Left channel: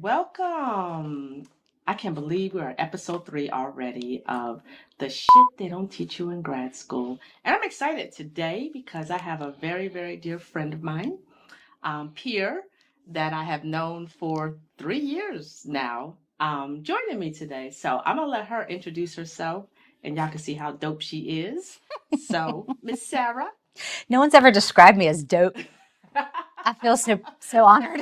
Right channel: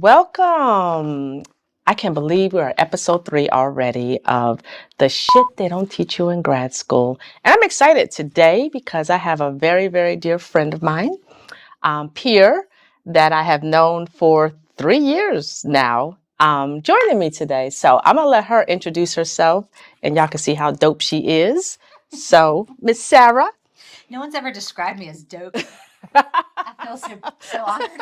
Welcome. I can't believe we're at episode 3 already of the shit they don't teach you in grad school. And I'm excited today because I have a very, very dear friend of mine, peer, that I have known for 3 years now, joining me today. So I'm going to let her introduce herself and y'all can see how dope she is. So, Miss Sarah. No one's ever described me as dope. I feel so honored.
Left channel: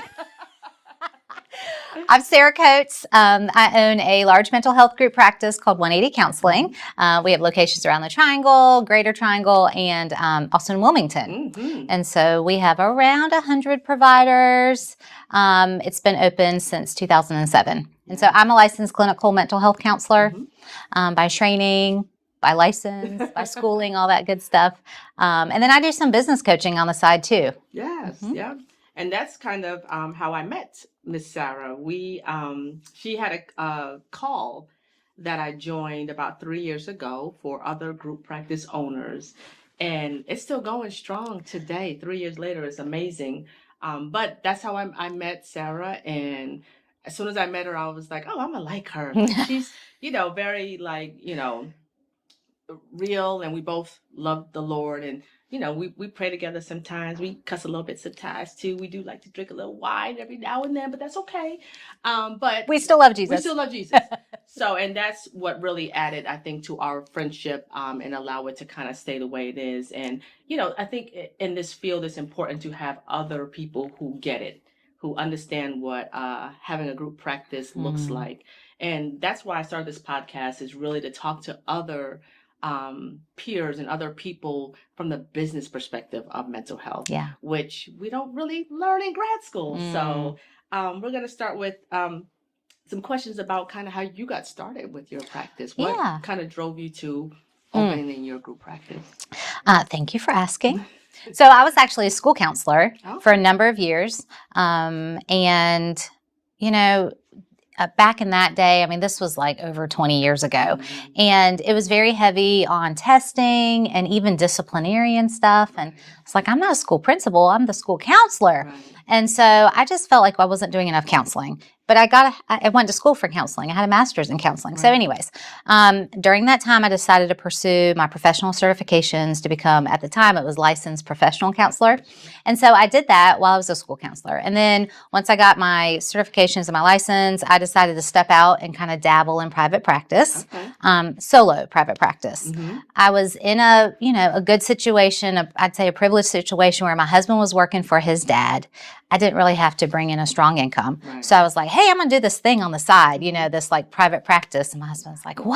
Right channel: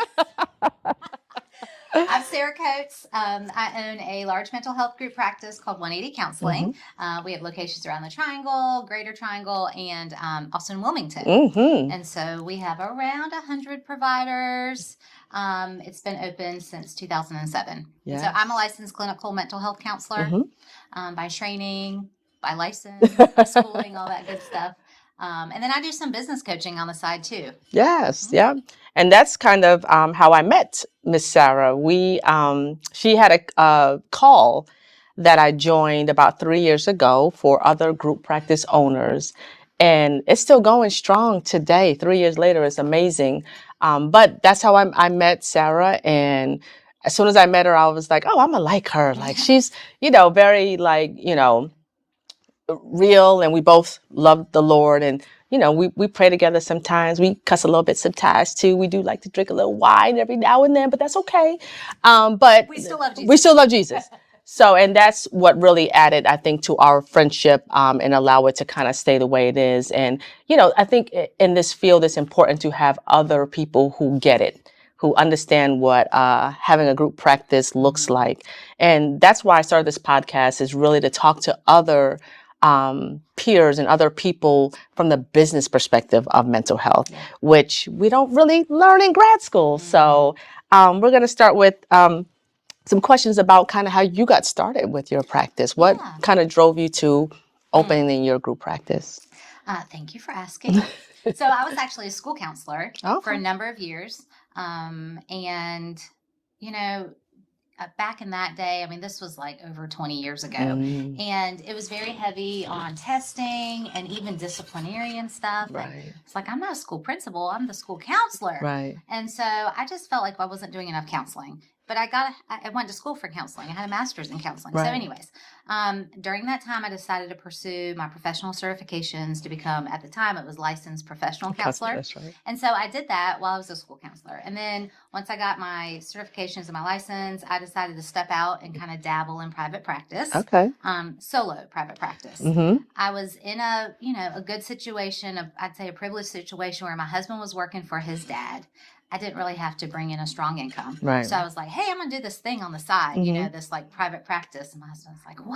I'm Sarah Coates. I own a large mental health group practice called 180 Counseling. We have locations around the Triangle, Greater Triangle, and also in Wilmington. And so we have around 100 providers. It's been open since 2007. Yeah. And so I'm a licensed clinical mental health counselor by training, by license, by schooling, all that good stuff. And then I do some business coaching on the side too. Yes, yeah. And that's kind of how I met Miss Sarah. She had a call that I joined about 3 years ago for other group practice owners. And it's still going strong today. 3 years later, it's amazing. But that's how I met Sarah. And as soon as I met her, I was like, oh, I'm gonna like her. Like she's, very real, and we both love the Lord, and we pray together sometimes. We cuss a little bit sometimes too. We do like to drink a little wine every now and then, but that's okay. But we still love Jesus. We still love Jesus. So, and that's what really added, I think, to our friendship and allow it to kind of stay the way it is. And I think in this field, it's important to have other people who get it, who understand what having a group practice looks like. And that's why I started this podcast, is really to talk to other peers and other people from the business perspective of mental health, which we don't really learn in grad school. So we're going to start with some questions about kind of how you got started with your practice. What kind of drove you to opening your group practice? Thank you for asking. So I was actually a school counselor for a number of years. Back in that day, I mean, this was like over 20 years ago, and it was very heavy on testing and even disciplinarian stuff. And it's like, I'm not a school principal, I'm the school counselor. And so I just felt like I wasn't doing enough counseling. But I went to school for counseling. I had a master's in counseling. So anyways, during that time, I decided to pursue my professional certifications to become, at the time, it was licensed professional counselor. That's right. And so I did that while I was a school counselor. And then once I got my certifications and my license, I decided to step out and kind of dabble in private practice. Solo private practice. I was in a good situation, I'd say a privileged situation, where my husband was working for his dad. I didn't really have to bring in a strong income. So I was like, hey, I'm going to do this thing on the side, this like private practice. And my husband was like,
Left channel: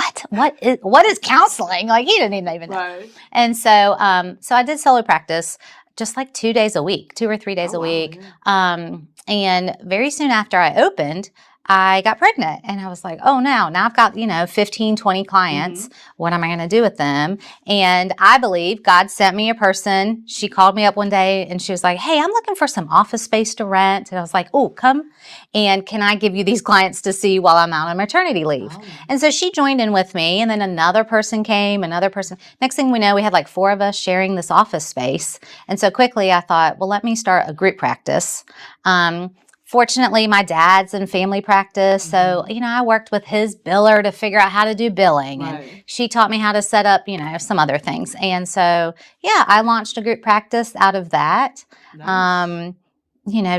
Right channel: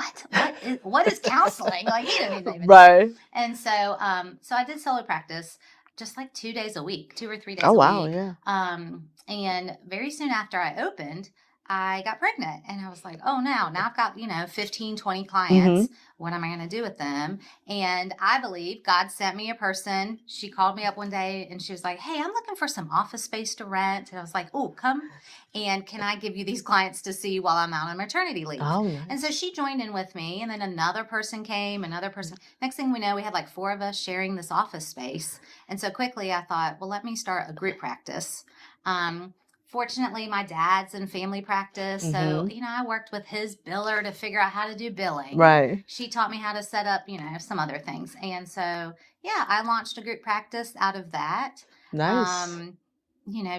what is counseling? Like, he didn't even know. And so I did solo practice just like 2 days a week, 2 or 3 days a week. And very soon after I opened, I got pregnant, and I was like, oh, now I've got, 15, 20 clients. What am I going to do with them? And I believe God sent me a person. She called me up one day and she was like, hey, I'm looking for some office space to rent. And I was like, oh, come. And can I give you these clients to see while I'm out on maternity leave? And so she joined in with me, and then another person came, another person. Next thing we know, we had like 4 of us sharing this office space. And so quickly I thought, well, let me start a group practice. Fortunately, my dad's in family practice, so, I worked with his biller to figure out how to do billing. She taught me how to set up, some other things. And so, I launched a group practice out of that.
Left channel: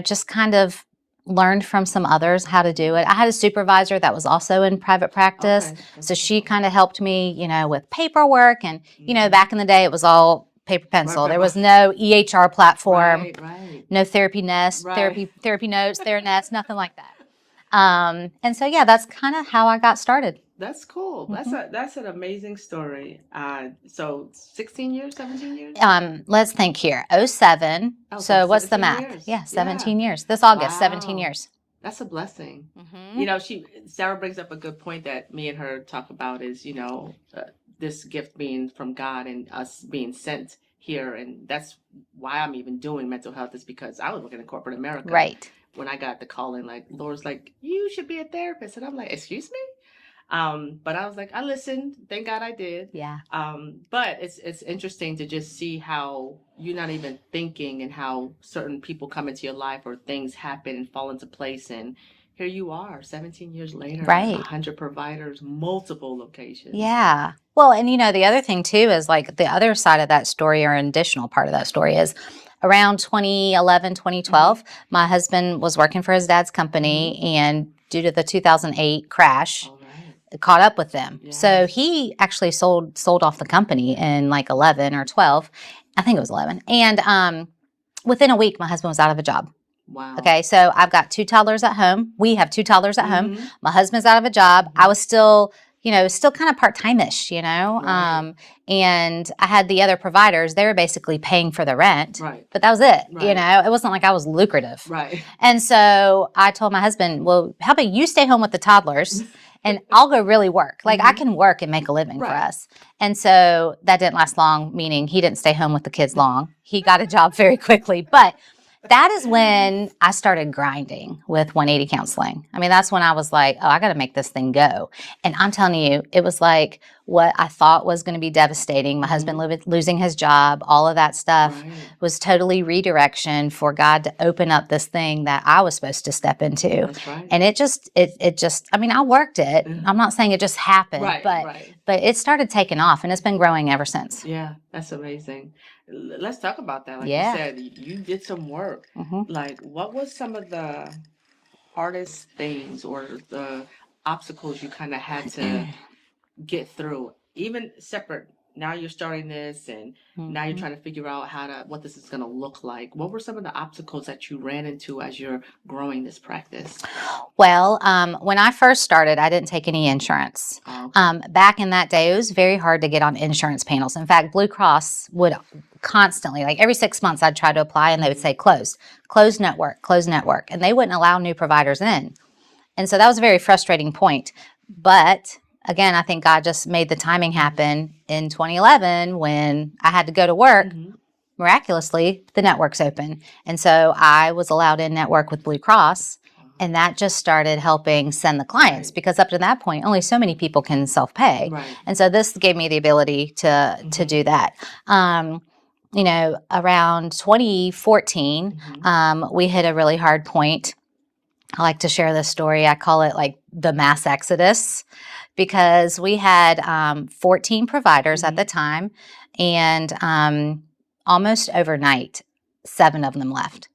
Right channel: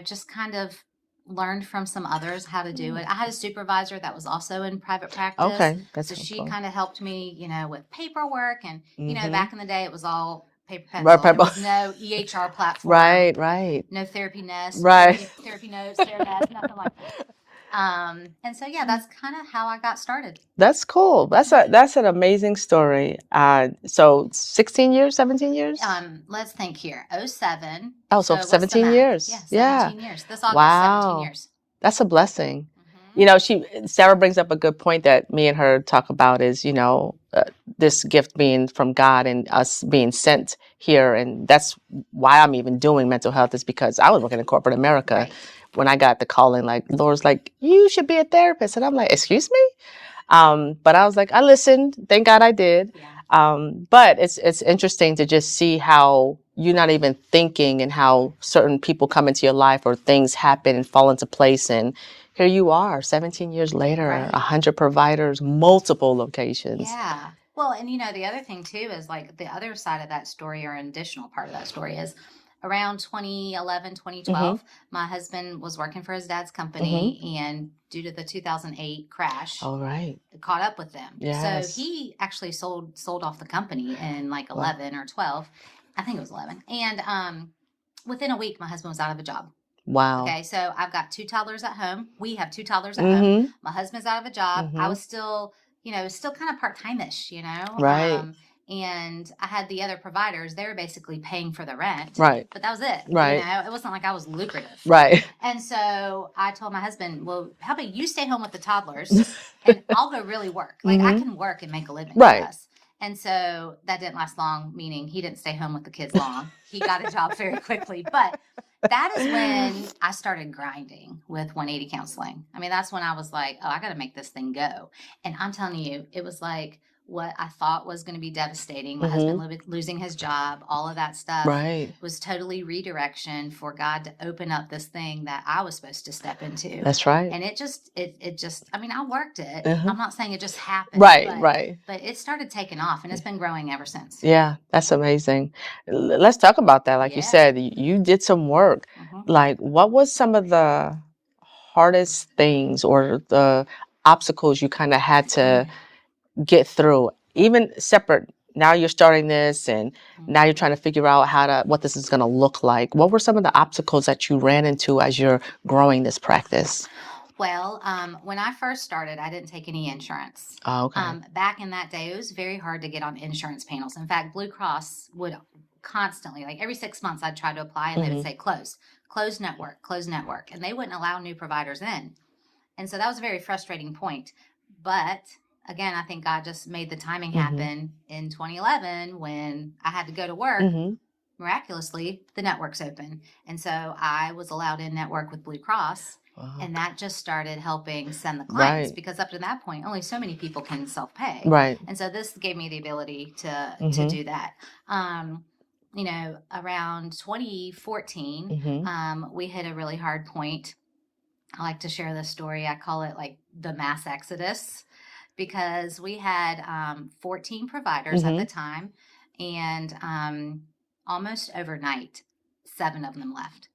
Just kind of learned from some others how to do it. I had a supervisor that was also in private practice. So she kind of helped me, with paperwork. And, back in the day, it was all paper pencil. There was no EHR platform. No Therapy Nest, therapy notes, Theranest, nothing like that. And so, that's kind of how I got started. That's cool. That's an amazing story. So 16 years, 17 years? Let's think here. 07. Oh, so what's the math? years. Yeah, 17 years. This August, 17 years. That's a blessing. Sarah brings up a good point that me and her talk about is, this gift being from God and us being sent here. And that's why I'm even doing mental health, is because I was working in corporate America. When I got the calling, like, Laura's like, you should be a therapist. And I'm like, excuse me? But I was like, I listened. Thank God I did. But it's interesting to just see how you're not even thinking, and how certain people come into your life or things happen and fall into place, and here you are, 17 years later, Right. 100 providers, multiple locations. Yeah. Well, and the other thing too is like the other side of that story, or an additional part of that story, is around 2011, 2012, my husband was working for his dad's company, and due to the 2008 crash, it caught up with them. Yes. So he actually sold off the company in like 11 or 12. I think it was 11. And within a week, my husband was out of a job. Wow. Okay, so I've got 2 toddlers at home. We have 2 toddlers at home. My husband's out of a job. I was still kind of part-time-ish, Right. And I had the other providers. They were basically paying for the rent. Right. But that was it. Right. It wasn't like I was lucrative. Right. And so I told my husband, well, how about you stay home with the toddlers and I'll go really work. Like I can work and make a living for us. And so that didn't last long, meaning he didn't stay home with the kids long. He got a job very quickly. But that is when I started grinding with 180 counseling. I mean, that's when I was like, oh, I got to make this thing go. And I'm telling you, it was like what I thought was going to be devastating. My husband losing his job, all of that stuff was totally redirection for God to open up this thing that I was supposed to step into. That's right. And it just, I mean, I worked it. I'm not saying it just happened. Right. But it started taking off and it's been growing ever since. Yeah, that's amazing. Let's talk about that. Like you said, you did some work. Like, what was some of the hardest things or the obstacles you kind of had to get through, even separate? Now you're starting this and now you're trying to figure out what this is going to look like. What were some of the obstacles that you ran into as you're growing this practice? Well, when I first started, I didn't take any insurance. Oh, okay. Back in that day, it was very hard to get on insurance panels. In fact, Blue Cross would constantly, like every 6 months, I'd try to apply and they would say closed network, and they wouldn't allow new providers in. And so that was a very frustrating point. But again, I think God just made the timing happen in 2011 when I had to go to work. Miraculously, the network's open. And so I was allowed in network with Blue Cross. And that just started helping send the clients because up to that point, only so many people can self-pay. Right. And so this gave me the ability to do that. Around 2014, we hit a really hard point. I like to share this story. I call it like the mass exodus because we had 14 providers at the time, and almost overnight, 7 of them left.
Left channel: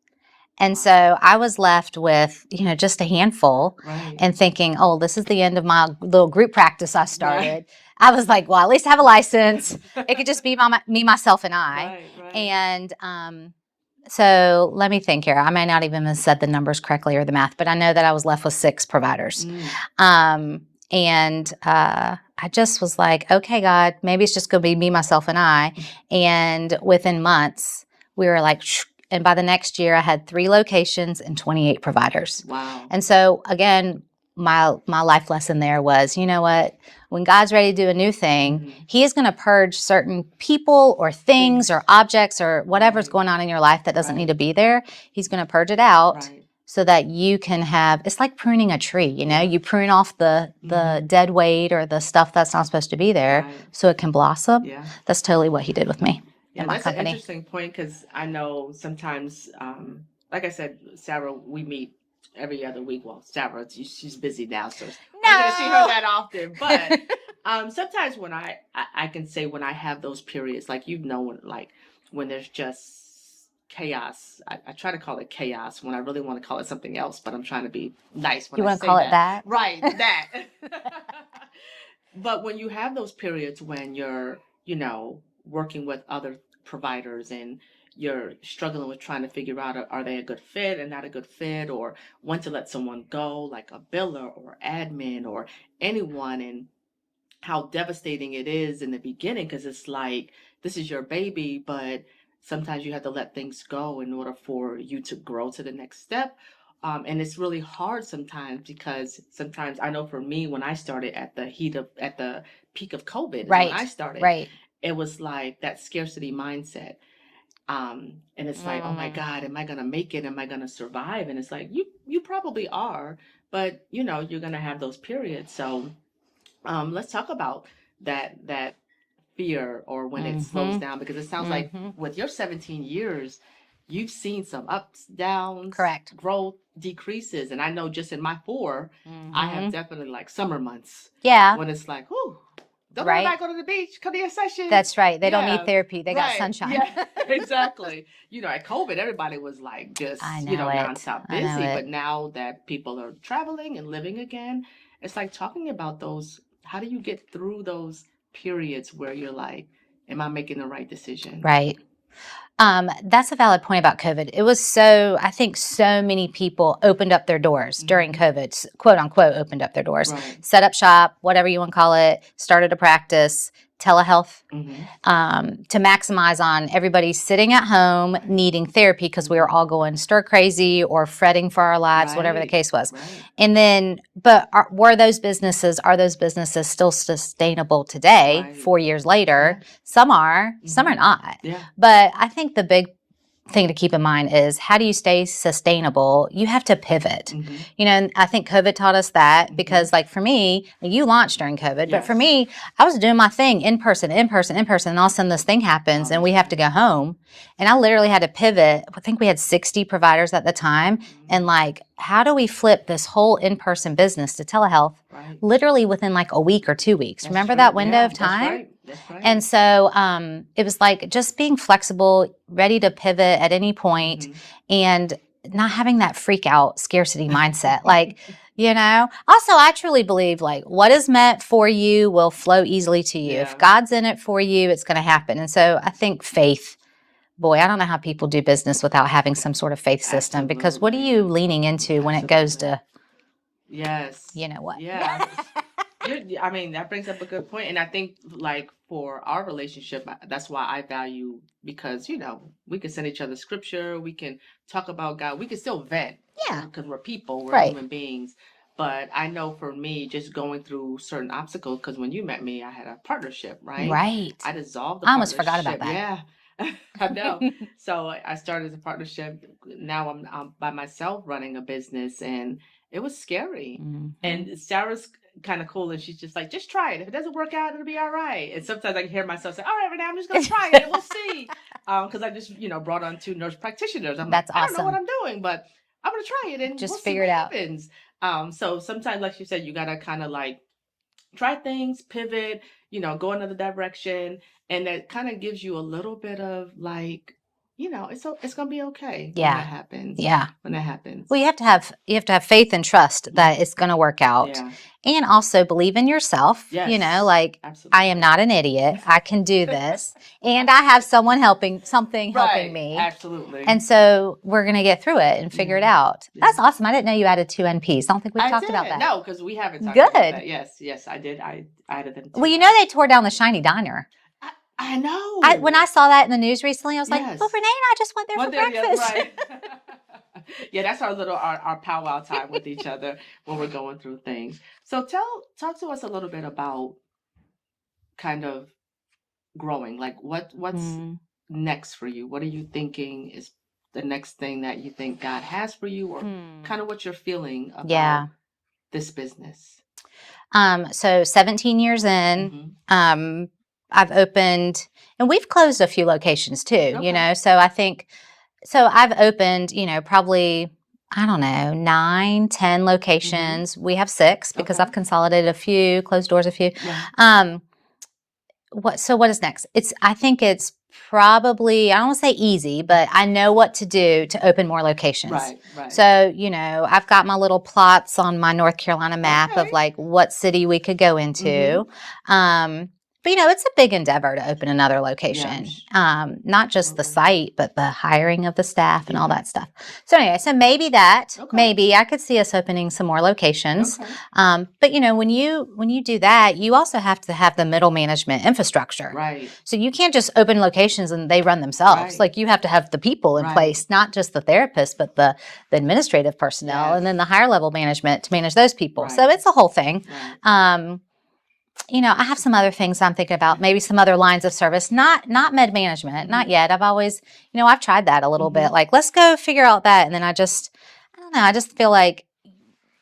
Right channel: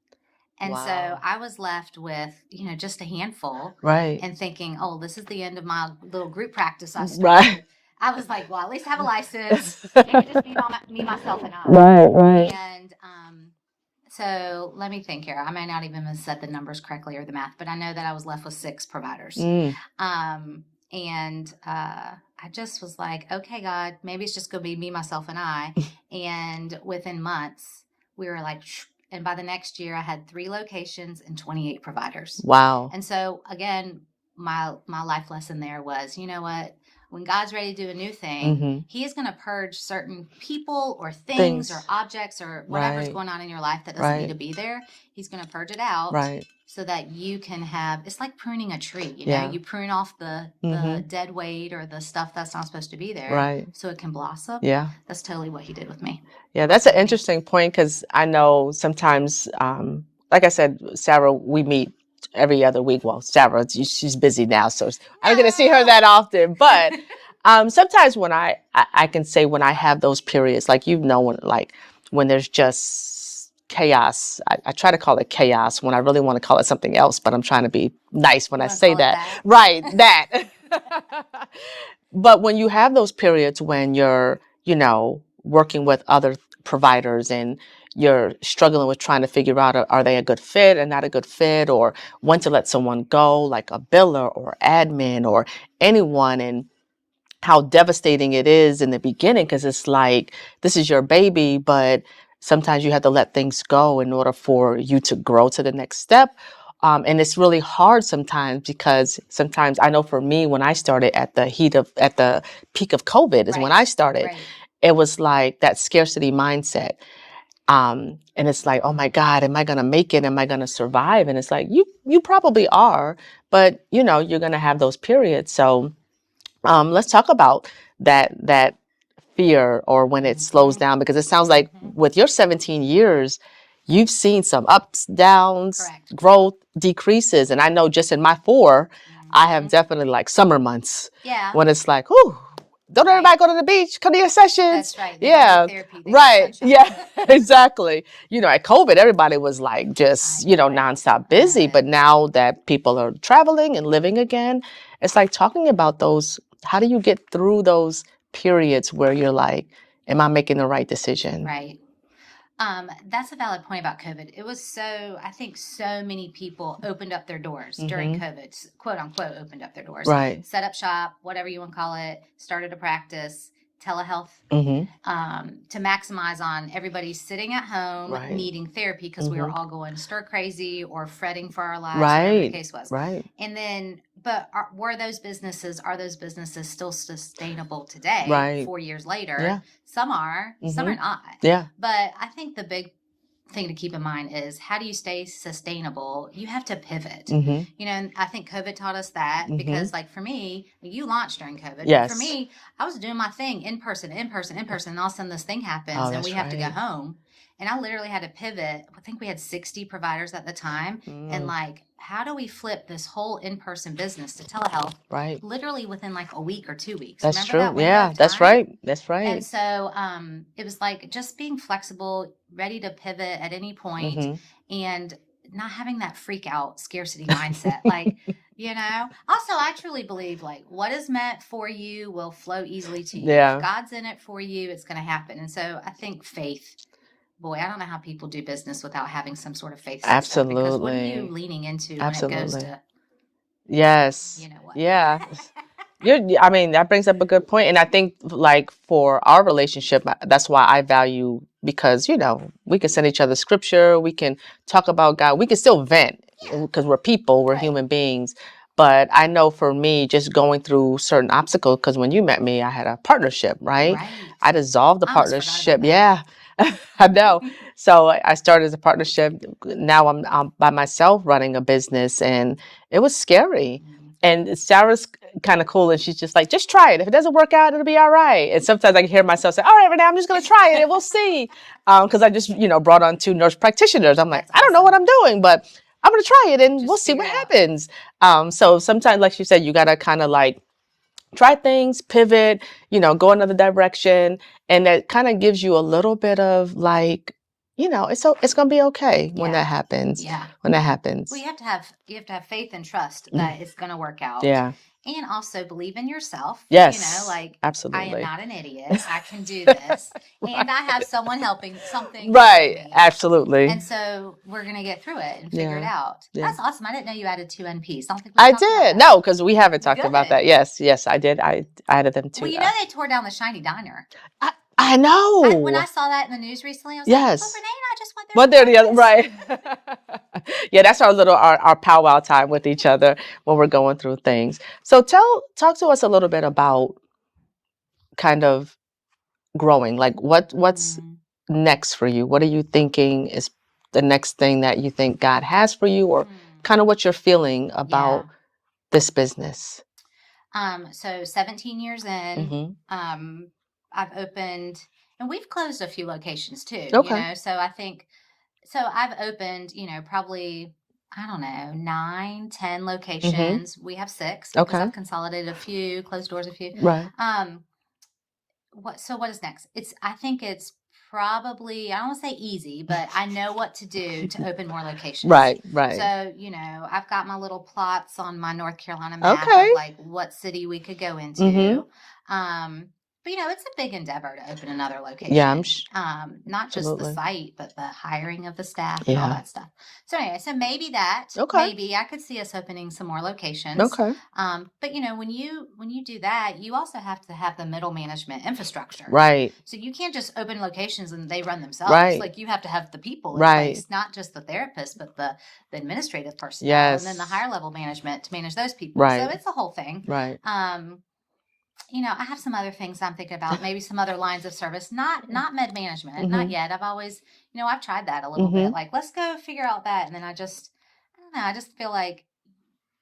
And so I was left with, just a handful and thinking, oh, this is the end of my little group practice I started. I was like, well, at least I have a license. It could just be me, myself, and I. Right. And so let me think here. I may not even have said the numbers correctly or the math, but I know that I was left with 6 providers. And I just was like, okay, God, maybe it's just going to be me, myself, and I. And within months, we were like, and by the next year, I had 3 locations and 28 providers. Wow. And so again, my life lesson there was, you know what? When God's ready to do a new thing, He is going to purge certain people or things or objects or whatever's going on in your life that doesn't need to be there. He's going to purge it out so that you can have, it's like pruning a tree, you prune off the dead weight or the stuff that's not supposed to be there so it can blossom. Yeah. That's totally what He did with me. Yeah, that's an interesting point because I know sometimes, like I said, Sarah, we meet every other week. Well, Sarah, she's busy now, so I'm going to see her that often. But sometimes when I can say when I have those periods, like when there's just chaos, I try to call it chaos when I really want to call it something else, but I'm trying to be nice when I say that. Right, that. But when you have those periods when you're, working with other providers and you're struggling with trying to figure out, are they a good fit and not a good fit, or when to let someone go, like a biller or admin or anyone, and how devastating it is in the beginning because it's like, this is your baby, but sometimes you have to let things go in order for you to grow to the next step. And it's really hard sometimes because sometimes I know for me, when I started at the peak of COVID is when I started, it was like that scarcity mindset. And it's like, oh my God, am I going to make it? Am I going to survive? And it's like, you probably are, but you're going to have those periods. So let's talk about that fear or when it slows down, because it sounds like with your 17 years, you've seen some ups, downs, Correct. growth, decreases. And I know just in my 4, I have definitely like summer months. Yeah. When it's like, whew, don't everybody go to the beach, come to your sessions. That's right. They don't need therapy. They got sunshine. Yeah, exactly. At COVID, everybody was like just, nonstop busy. But now that people are traveling and living again, it's like talking about those, how do you get through those periods where you're like, am I making the right decision? Right. That's a valid point about COVID. It was I think so many people opened up their doors during COVID, quote unquote, opened up their doors, right. Set up shop, whatever you want to call it, started a practice, telehealth, to maximize on everybody sitting at home needing therapy because we were all going stir crazy or fretting for our lives, whatever the case was. Right. And then, but are those businesses still sustainable today, 4 years later? Yeah. Some are not. Yeah. But I think the big thing to keep in mind is, how do you stay sustainable? You have to pivot. And I think COVID taught us that, because like for me, you launched during COVID, but for me, I was doing my thing in person, and all of a sudden this thing happens and we have to go home. And I literally had to pivot. I think we had 60 providers at the time. And like, how do we flip this whole in-person business to telehealth? Right. Literally within like a week or 2 weeks. That's Remember true. that window of time? That's right. That's right. And so it was like just being flexible, ready to pivot at any point, and not having that freak out scarcity mindset. Like, also I truly believe like what is meant for you will flow easily to you. If God's in it for you, it's going to happen. And so I think faith, boy, I don't know how people do business without having some sort of faith system. Absolutely. Because what are you leaning into when it goes to, you know what? Yeah. That brings up a good point. And I think like for our relationship, that's why I value, because, we can send each other scripture. We can talk about God. We can still vent because we're people, we're human beings. But I know for me, just going through certain obstacles, because when you met me, I had a partnership, right? Right. I dissolved the partnership. Forgot about that. Yeah. I know. So I started as a partnership. Now I'm by myself running a business, and it was scary. And Sarah's kind of cool, and she's just like, just try it. If it doesn't work out, it'll be all right. And sometimes I can hear myself say, all right, Renee, I'm just going to try it and we'll see. Because I just, brought on 2 nurse practitioners. I'm like, I don't know what I'm doing, but I'm going to try it and we'll see what happens. So sometimes, like you said, you got to kind of like try things, pivot, go another direction. And that kind of gives you a little bit of like, it's going to be okay when that happens. Yeah. When that happens. Well, you have to have faith and trust that it's going to work out. Yeah. And also believe in yourself. Yes. Absolutely. I am not an idiot. I can do this. And I have someone helping me. Absolutely. And so we're going to get through it and figure it out. Yeah. That's awesome. I didn't know you added 2 NPs. I don't think we talked about that. No, because we haven't talked about that. Yes, I did. I added them too. Well, they tore down the Shiny Diner. I know. When I saw that in the news recently, I was like, well, Renee and I just went there for breakfast. Right. Yeah, that's our powwow time with each other when we're going through things. So talk to us a little bit about kind of growing. Like what's next for you? What are you thinking is the next thing that you think God has for you, or kind of what you're feeling about this business? So 17 years in, I've opened, and we've closed a few locations too, so I think, I've opened, probably, I don't know, 9, 10 locations. We have 6 because I've consolidated a few, closed doors a few. Right. What is next? I think it's probably, I don't want to say easy, but I know what to do to open more locations. Right. So, I've got my little plots on my North Carolina map of like what city we could go into. But, it's a big endeavor to open another location. Yeah, not just the site, but the hiring of the staff and all that stuff. So anyway, maybe maybe I could see us opening some more locations. Okay. But, when you do that, you also have to have the middle management infrastructure. Right. So you can't just open locations and they run themselves. Right. Like you have to have the people in place, not just the therapists, but the administrative personnel and then the higher level management to manage those people. Right. So it's a whole thing. Right. I have some other things I'm thinking about, maybe some other lines of service, not med management, not yet. I've always, I've tried that a little bit. Like, let's go figure out that. And then I don't know, I just feel like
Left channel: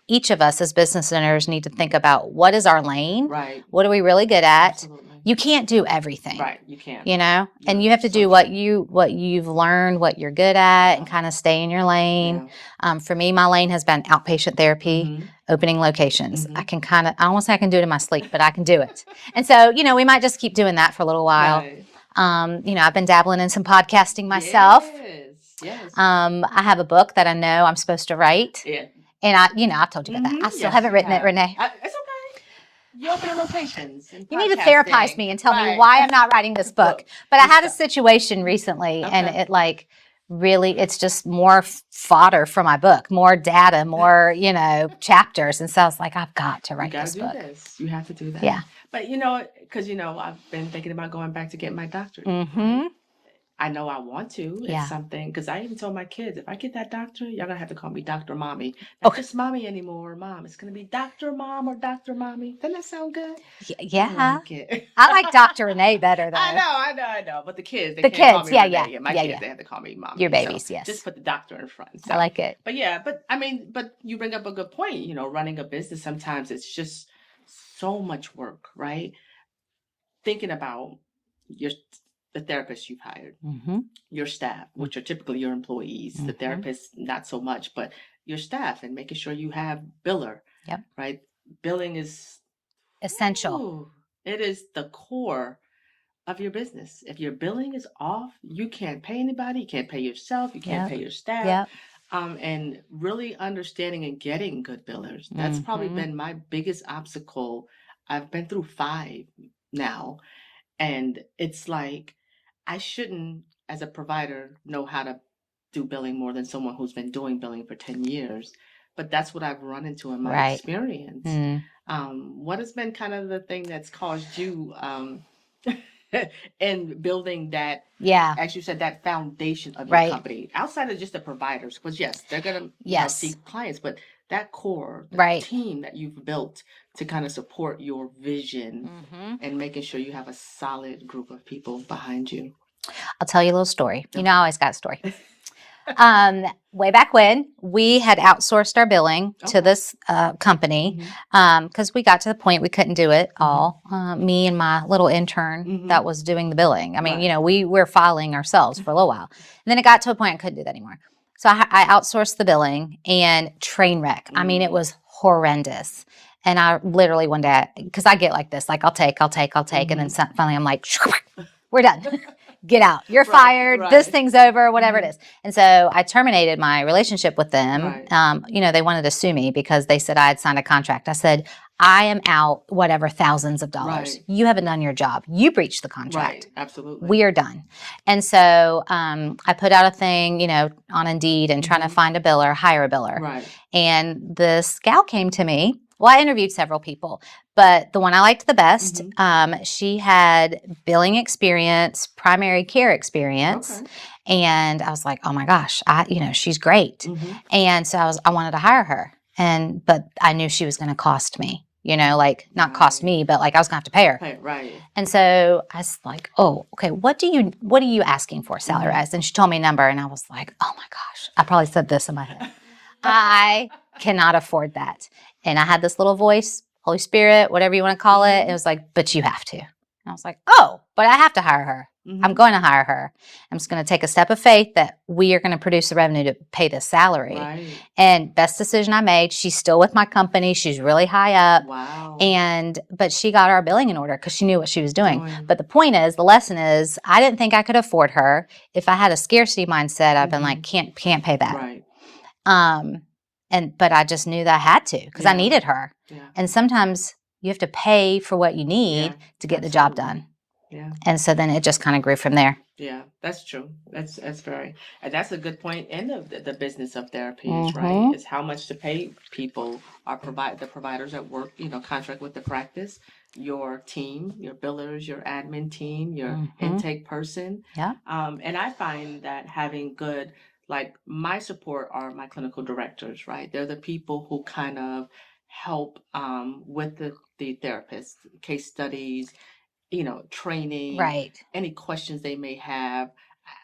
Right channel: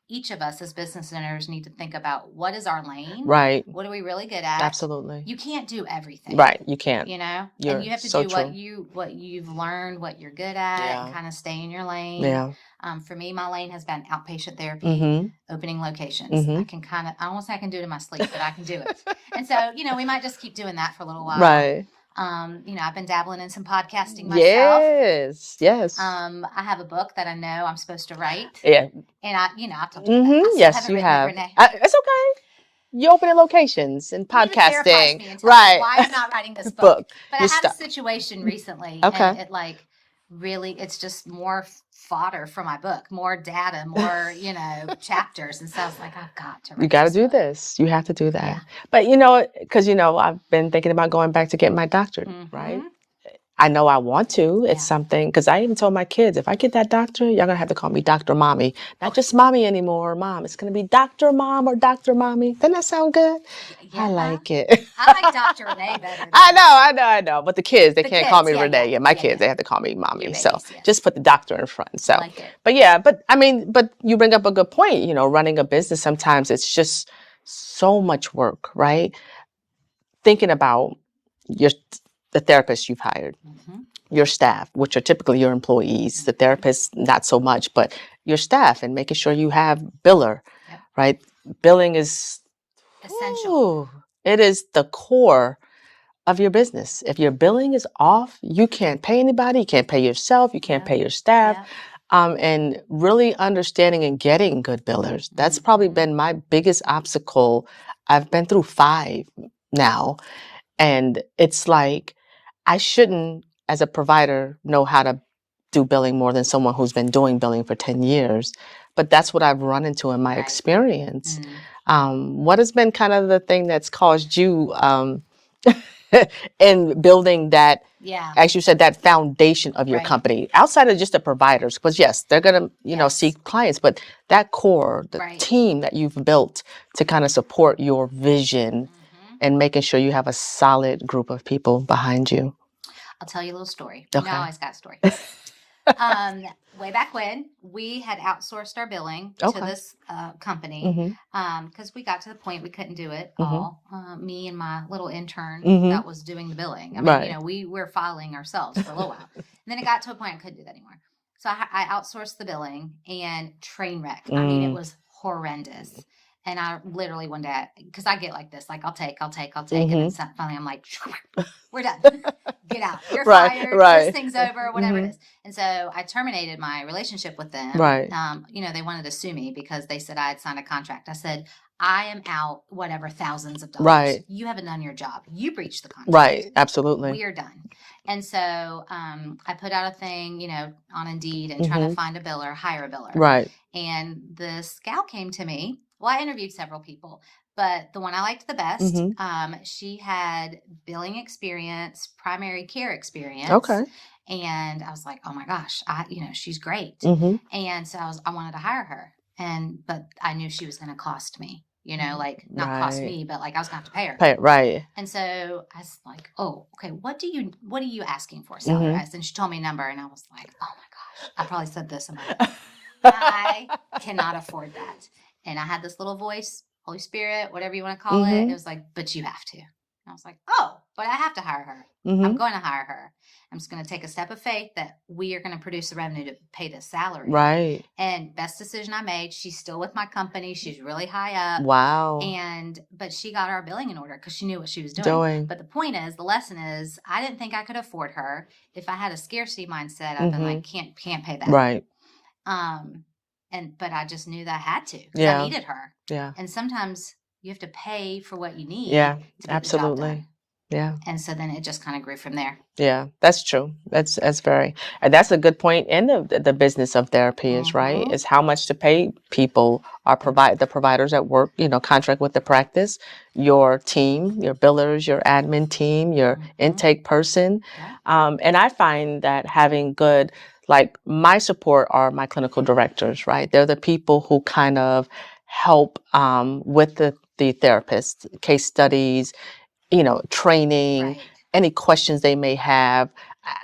each of us as business owners need to think about what is our lane? Right. What are we really good at? Absolutely. You can't do everything. Right. You can't. You know? You're and you have to so do true. what you've learned, what you're good at, Yeah. and kind of stay in your lane. Yeah. For me, my lane has been outpatient therapy, opening locations. I can I almost say I can do it in my sleep, but I can do it. And so, we might just keep doing that for a little while. Right. I've been dabbling in some podcasting myself. Yes. I have a book that I know I'm supposed to write. Yeah. And I've told you about that. I still haven't written it, Renee. It's okay. You open locations and podcasting. You need to therapize me and tell me why I'm not writing this book. But I had a situation recently, and it really, it's just more fodder for my book, more data, more, chapters. And so I was like, I've got to write You got to this do book. this. You have to do that. Yeah. But, because, I've been thinking about going back to get my doctorate, right? I know I want to. It's something, because I even told my kids, if I get that doctorate, y'all going to have to call me Dr. Mommy. Not just Mommy anymore, Mom. It's going to be Dr. Mom or Dr. Mommy. Doesn't that sound good? Yeah. I like it. I like Dr. Renee better. Though. I know. But the kids, they can't call me Renee. Yeah. My kids, they have to call me Mommy. Your babies, so yes. just put the doctor in front. So. I like it. But but you bring up a good point. Running a business, sometimes it's just so much work, right? Thinking about the therapists you've hired, your staff, which are typically your employees, the therapists, not so much, but your staff, and making sure you have biller, right? Billing is essential. It is the core of your business. If your billing is off, you can't pay anybody, you can't pay yourself, you can't pay your staff. And really understanding and getting good billers. That's probably been my biggest obstacle. I've been through 5 now. And it's like, I shouldn't, as a provider, know how to do billing more than someone who's been doing billing for 10 years. But that's what I've run into in my experience. What has been kind of the thing that's caused you in building that, as you said, that foundation of your company, outside of just the providers? Because yes, they're going to see clients, but that core, the team that you've built to kind of support your vision and making sure you have a solid group of people behind you. I'll tell you a little story. I always got a story. Way back when, we had outsourced our billing to this company because we got to the point we couldn't do it all. Me and my little intern that was doing the billing. I mean, we were filing ourselves for a little while. And then it got to a point I couldn't do that anymore. So I outsourced the billing, and train wreck. I mean, it was horrendous. And I literally one day, because I get like this, like I'll take. And then finally I'm like, we're done. Get out. You're fired. This thing's over, whatever it is. And so I terminated my relationship with them. They wanted to sue me because they said I had signed a contract. I said, I am out whatever thousands of dollars. You haven't done your job. You breached the contract. Right. Absolutely. We are done. And so I put out a thing, on Indeed and trying to find a biller, hire a biller. Right. And this gal came to me. Well, I interviewed several people, but the one I liked the best, she had billing experience, primary care experience. Okay. And I was like, oh my gosh, she's great. And so I wanted to hire her. But I knew she was going to cost me, not cost me, but I was going to have to pay her. Right. And so I was like, oh, okay, what are you asking for salary-wise? And she told me a number, and I was like, oh my gosh, I probably said this in my head. I cannot afford that. And I had this little voice, Holy Spirit, whatever you want to call it. It was like, but you have to. And I was like, oh, but I have to hire her. I'm going to hire her. I'm just going to take a step of faith that we are going to produce the revenue to pay this salary. Right. And best decision I made. She's still with my company. She's really high up. Wow. But she got our billing in order because she knew what she was doing. But the point is, the lesson is, I didn't think I could afford her. If I had a scarcity mindset, I've been like, can't pay that. Right. But I just knew that I had to because I needed her. Yeah. And sometimes you have to pay for what you need to get the job done. Yeah. And so then it just kind of grew from there. Yeah, that's true. That's and that's a good point in the business of therapy is right, is how much to pay people the providers that work, contract with the practice, your team, your billers, your admin team, your intake person. Yeah. And I find that having good, my support are my clinical directors, right? They're the people who kind of help with the therapists, case studies, training, any questions they may have.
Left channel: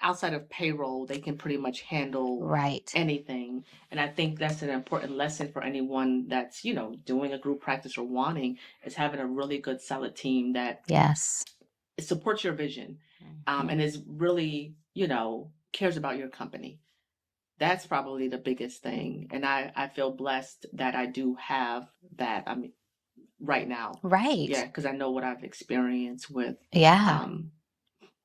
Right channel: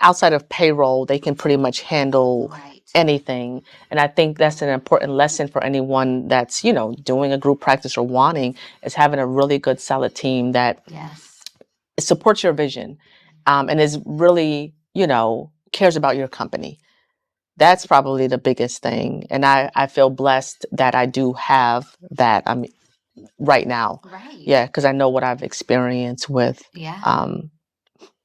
outside of payroll, they can pretty much handle Right. anything. And I think that's an important lesson for anyone that's, doing a group practice or wanting, is having a really good, solid team that Yes. supports your vision, and is really, cares about your company. That's probably the biggest thing. And I feel blessed that I do have that right now. Right. Yeah, because I know what I've experienced with Yeah.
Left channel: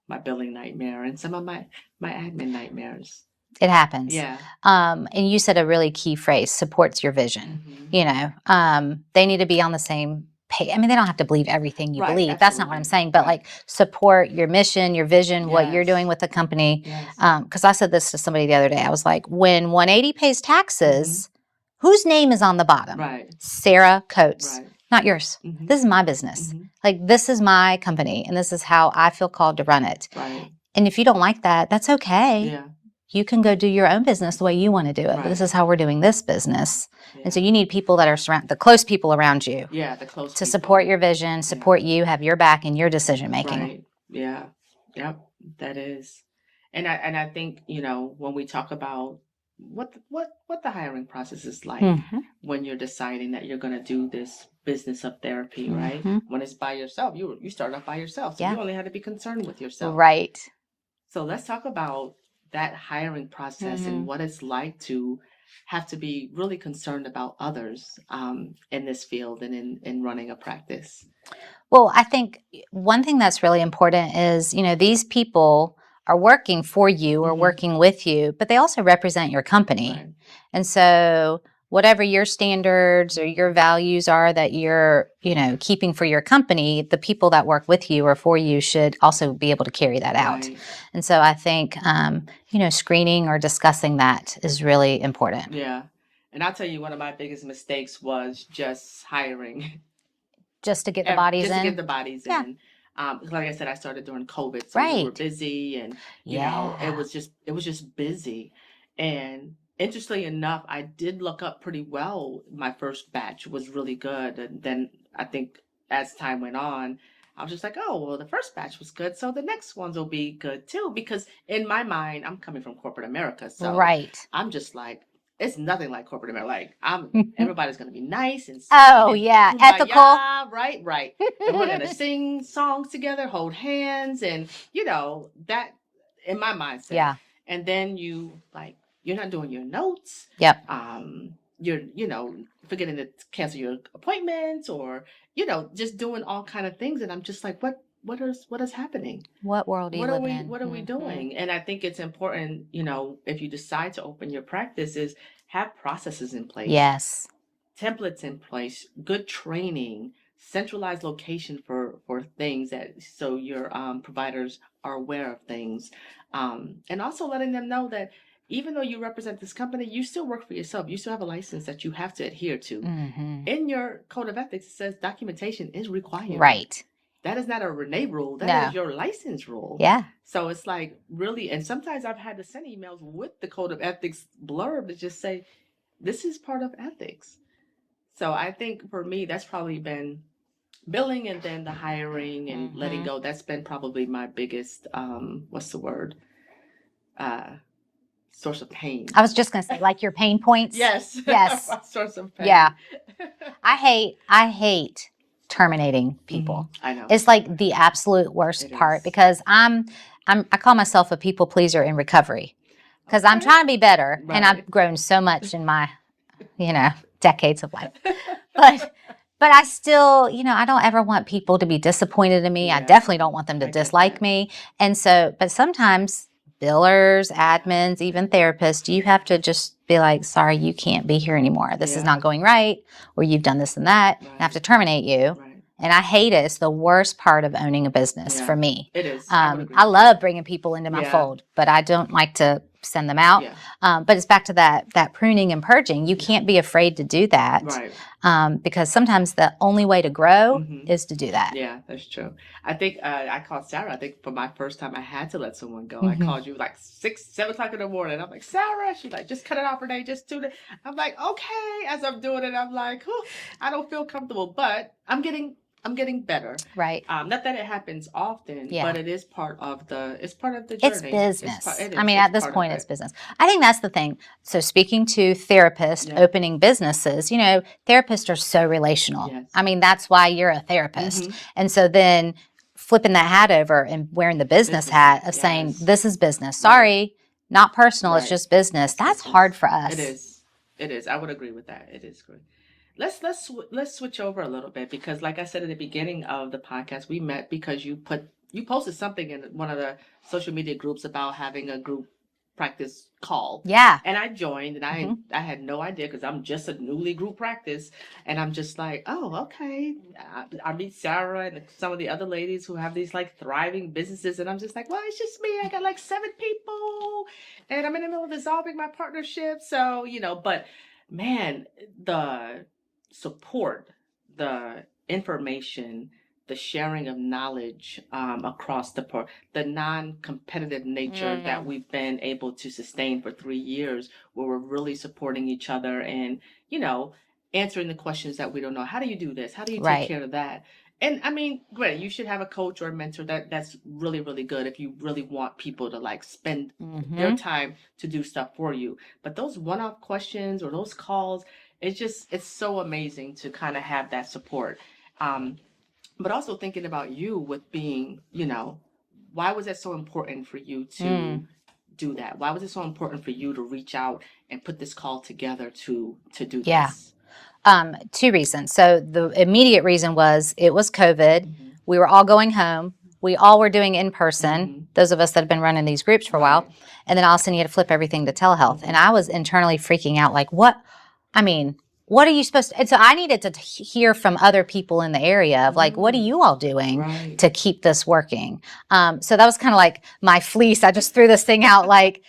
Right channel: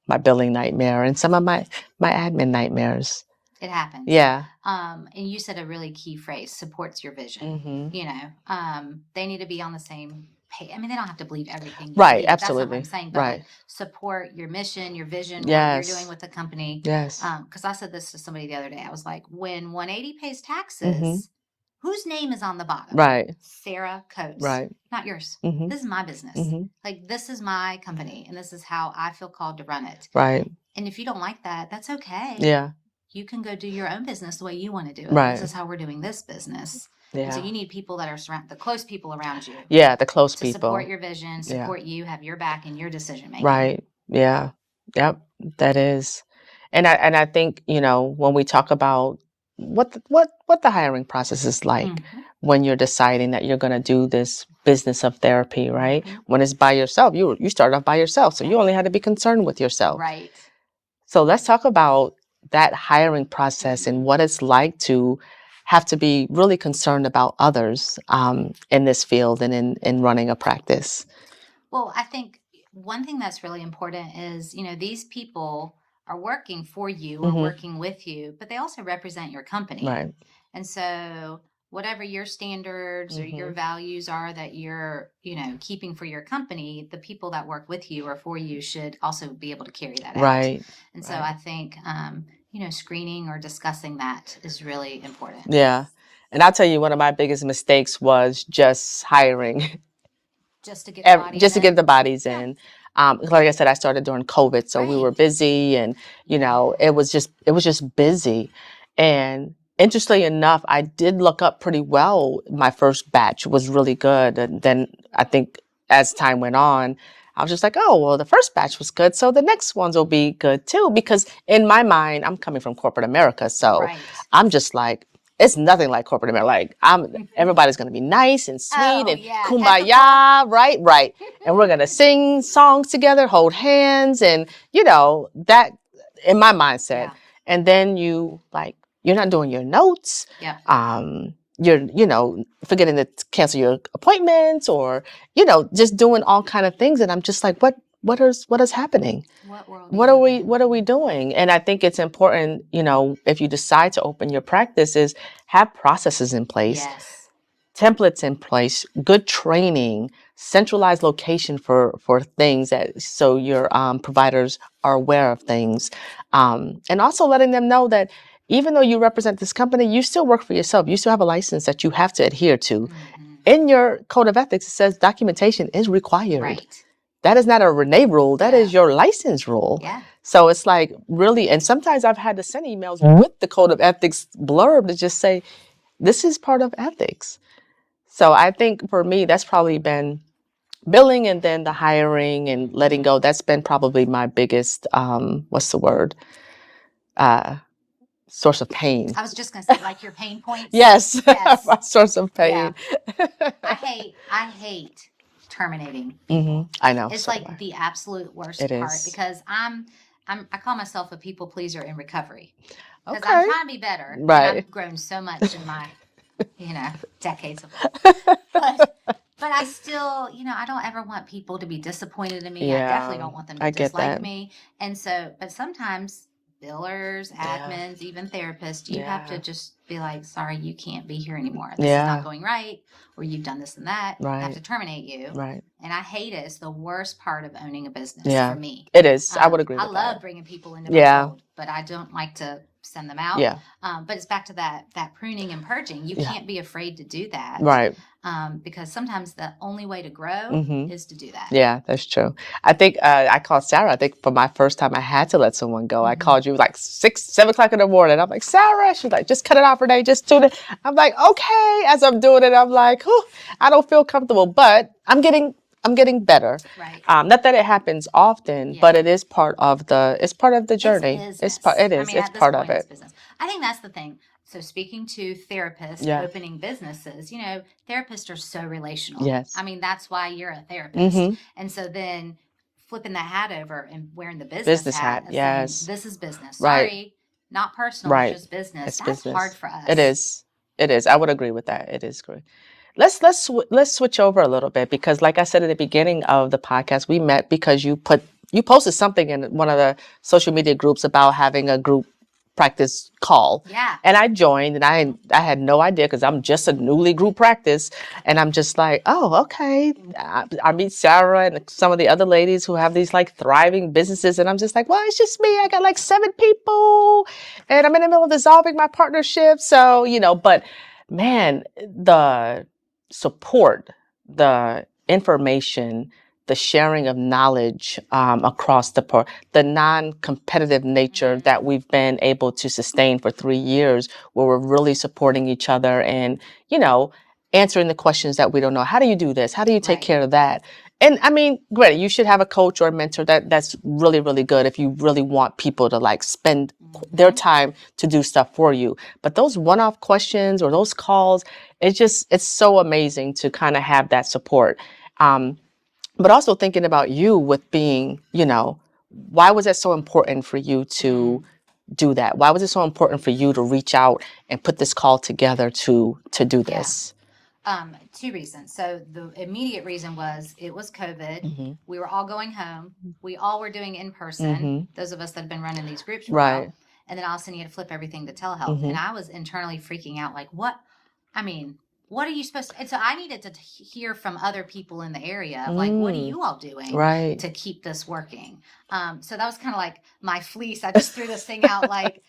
My billing nightmare and some of my admin nightmares. It happens. Yeah. And you said a really key phrase, supports your vision. They need to be on the same page. I mean, they don't have to believe everything you Right, believe. That's not what absolutely. I'm saying. But Right. like support your mission, your vision, what you're doing Yes. with the company. Yes. Because I said this to somebody the other day. I was like, when 180 pays taxes, whose name is on the bottom? Right. Sarah Coates. Right. Not yours. This is my business. Like, this is my company, and this is how I feel called to run it. Right. And if you don't like that, that's okay. Yeah. You can go do your own business the way you want to do it. Right. This is how we're doing this business. Yeah. And so you need people that are the close people around you. Yeah, the close to people. support your vision, support you, have your back in your decision making. Right. Yeah. Yep. That is. And I think, when we talk about what the hiring process is like when you're deciding that you're going to do this business of therapy, right? When it's by yourself, you start off by yourself, so you only had to be concerned with yourself. Right. So let's talk about that hiring process and what it's like to have to be really concerned about others in this field and in running a practice. Well, I think one thing that's really important is, these people are working for you or working with you, but they also represent your company. Right. And so whatever your standards or your values are that you're, keeping for your company, the people that work with you or for you should also be able to carry that out. Right. And so I think, screening or discussing that is really important. Yeah. And I'll tell you, one of my biggest mistakes was just hiring. Just to get the bodies in? Just to get the bodies in. Like I said, I started during COVID, so we were busy, and it was just busy. And interestingly enough, I did look up pretty well. My first batch was really good, and then I think as time went on, I was just like, oh, well, the first batch was good, so the next ones will be good too. Because in my mind, I'm coming from corporate America, so I'm just like, it's nothing like corporate America. Like everybody's going to be nice and sweet and kumbaya, right. And we're going to sing songs together, hold hands, and that in my mindset. Yeah. And then you're not doing your notes. Yep. You're forgetting to cancel your appointments, or just doing all kind of things, and I'm just like, what is happening? What world? What are we doing? And I think it's important, if you decide to open your practice, is have processes in place. Yes. Templates in place, good training, centralized location for things so your providers are aware of things, and also letting them know that even though you represent this company, you still work for yourself. You still have a license that you have to adhere to. In your code of ethics, it says documentation is required. Right. That is not a Renee rule. That is your license rule. Yeah. So it's like really, and sometimes I've had to send emails with the code of ethics blurb to just say, this is part of ethics. So I think for me, that's probably been billing, and then the hiring and letting go. That's been probably my biggest, source of pain. I was just going to say, like your pain points. Yes. Yes. My source of pain. Yeah. I hate terminating people. I know. It's like the absolute worst part, because I call myself a people pleaser in recovery, because I'm trying to be better, and I've grown so much in my, decades of life. But I still, I don't ever want people to be disappointed in me. I definitely don't want them to dislike me. And so, but sometimes billers, admins, even therapists, you have to just be like, sorry, you can't be here anymore. This is not going right, or you've done this and that. I have to terminate you. Right. And I hate it. It's the worst part of owning a business for me. It is. I would agree. I love bringing people into my fold, but I don't like to send them out. Yeah. But it's back to that pruning and purging. You can't be afraid to do that. Right. Because sometimes the only way to grow is to do that. Yeah, that's true. I think I called Sarah. I think for my first time, I had to let someone go. I called you like 6, 7 o'clock in the morning. I'm like, Sarah. She's like, just cut it off, Renee. Just do it. I'm like, okay. As I'm doing it, I'm like, I don't feel comfortable, but I'm getting I'm getting better. Right. Not that it happens often, Yeah. but it is part of the journey. It's business. It is. I mean, it's at this part point, of it's it. business. I think that's the thing. So speaking to therapists, Yeah. opening businesses, you know, therapists are so relational. Yes. I mean, that's why you're a therapist. And so then flipping that hat over and wearing the business hat of saying, this is business. Sorry, not personal. It's just business. It's That's business. hard for us. It is. It is. I would agree with that. It is great. Let's switch over a little bit, because like I said at the beginning of the podcast, we met because you posted something in one of the social media groups about having a group practice call. Yeah. And I joined, and I had no idea, because I'm just a newly group practice, and I'm just like, oh, okay. I meet Sarah and some of the other ladies who have these like thriving businesses, and I'm just like, well, it's just me. I got like 7 people, and I'm in the middle of dissolving my partnership. So, you know, but man, the support, the information, the sharing of knowledge across the non-competitive nature that we've been able to sustain for 3 years, where we're really supporting each other and, you know, answering the questions that we don't know. How do you do this? How do you take care of that? And I mean, great, you should have a coach or a mentor. That's really, really good if you really want people to like spend their time to do stuff for you. But those one-off questions or those calls, it's so amazing to kind of have that support. But also thinking about you with being, you know, why was it so important for you to do that? Why was it so important for you to reach out and put this call together to do this? 2 reasons. So the immediate reason was it was COVID. We were all going home. We all were doing in person, those of us that have been running these groups for a while. And then all of a sudden you had to flip everything to telehealth. And I was internally freaking out, like, what are you supposed to? And so I needed to hear from other people in the area of like, what are you all doing to keep this working? So that was kind of like my fleece. I just threw this thing out like,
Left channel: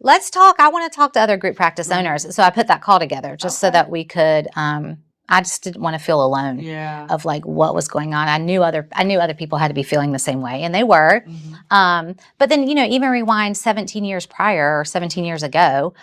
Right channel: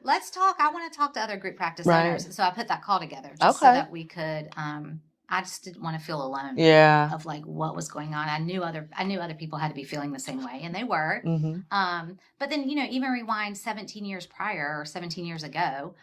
let's talk. I want to talk to other group practice owners. So I put that call together just so that we could, I just didn't want to feel alone of like what was going on. I knew other people had to be feeling the same way, and they were. But then, you know, even rewind 17 years prior or 17 years ago,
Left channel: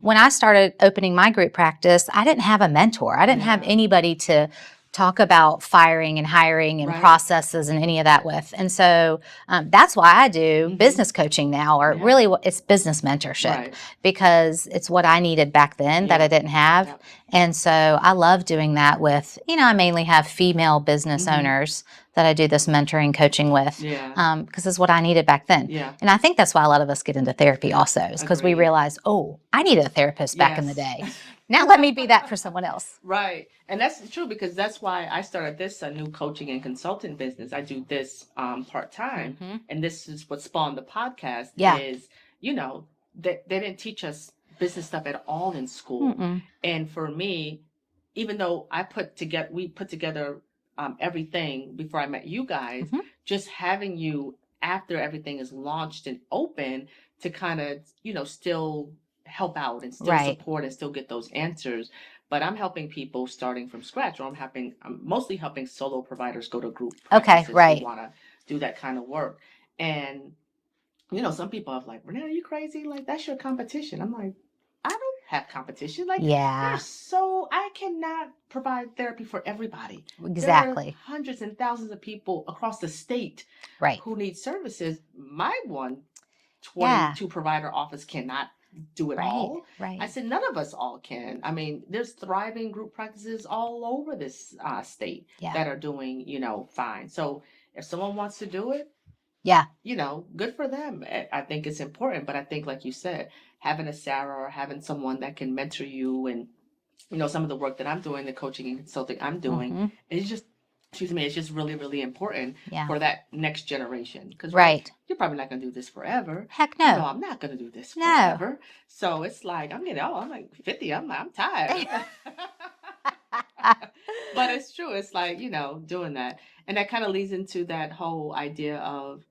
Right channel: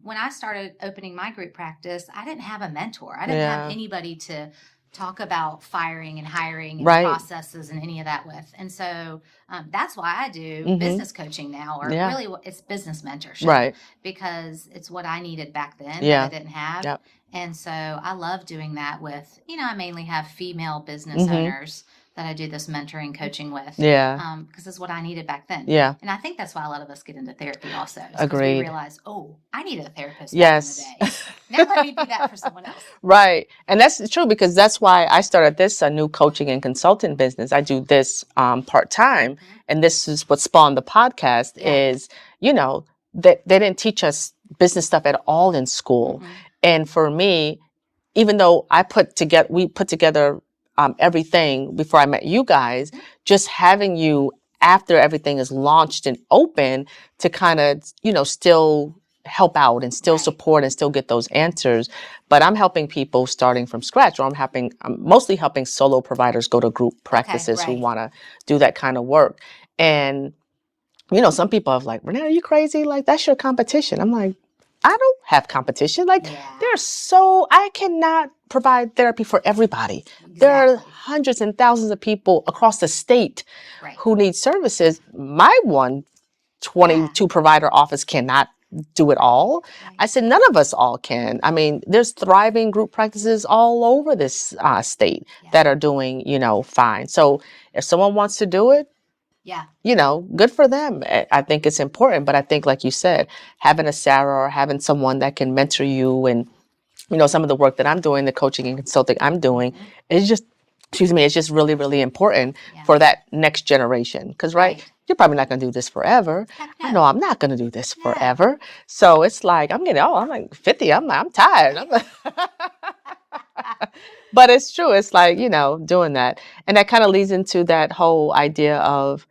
when I started opening my group practice, I didn't have a mentor. I didn't have anybody to talk about firing and hiring and processes and any of that with. And so that's why I do business coaching now, or really it's business mentorship, because it's what I needed back then that I didn't have. And so I love doing that with, you know, I mainly have female business owners that I do this mentoring coaching with. Because it's what I needed back then. And I think that's why a lot of us get into therapy also, is because we realize, oh, I needed a therapist back in the day. Now let me be that for someone else. And that's true, because that's why I started this new coaching and consulting business. I do this part-time. And this is what spawned the podcast is, you know, they didn't teach us business stuff at all in school. And for me, even though we put together everything before I met you guys, just having you after everything is launched and open to kind of, you know, still help out and still support and still get those answers. But I'm helping people starting from scratch, or I'm mostly helping solo providers go to group practices who want to do that kind of work. And, you know, some people have like, Renee, are you crazy? Like, that's your competition. I'm like, I don't have competition. Like, I cannot provide therapy for everybody. There are hundreds and thousands of people across the state who need services. My 22 provider office cannot do it all. I said, none of us all can. I mean, there's thriving group practices all over this state that are doing, you know, fine. So if someone wants to do it, you know, good for them. I think it's important. But I think, like you said, having a Sarah or having someone that can mentor you, and, you know, some of the work that I'm doing, the coaching and consulting I'm doing, is just, it's just really, really important for that next generation. Because, you're probably not going to do this forever. Heck no. No, I'm not going to do this forever. So it's like, I'm like 50. I'm tired. But it's true. It's like, you know, doing that. And that kind of leads into that whole idea of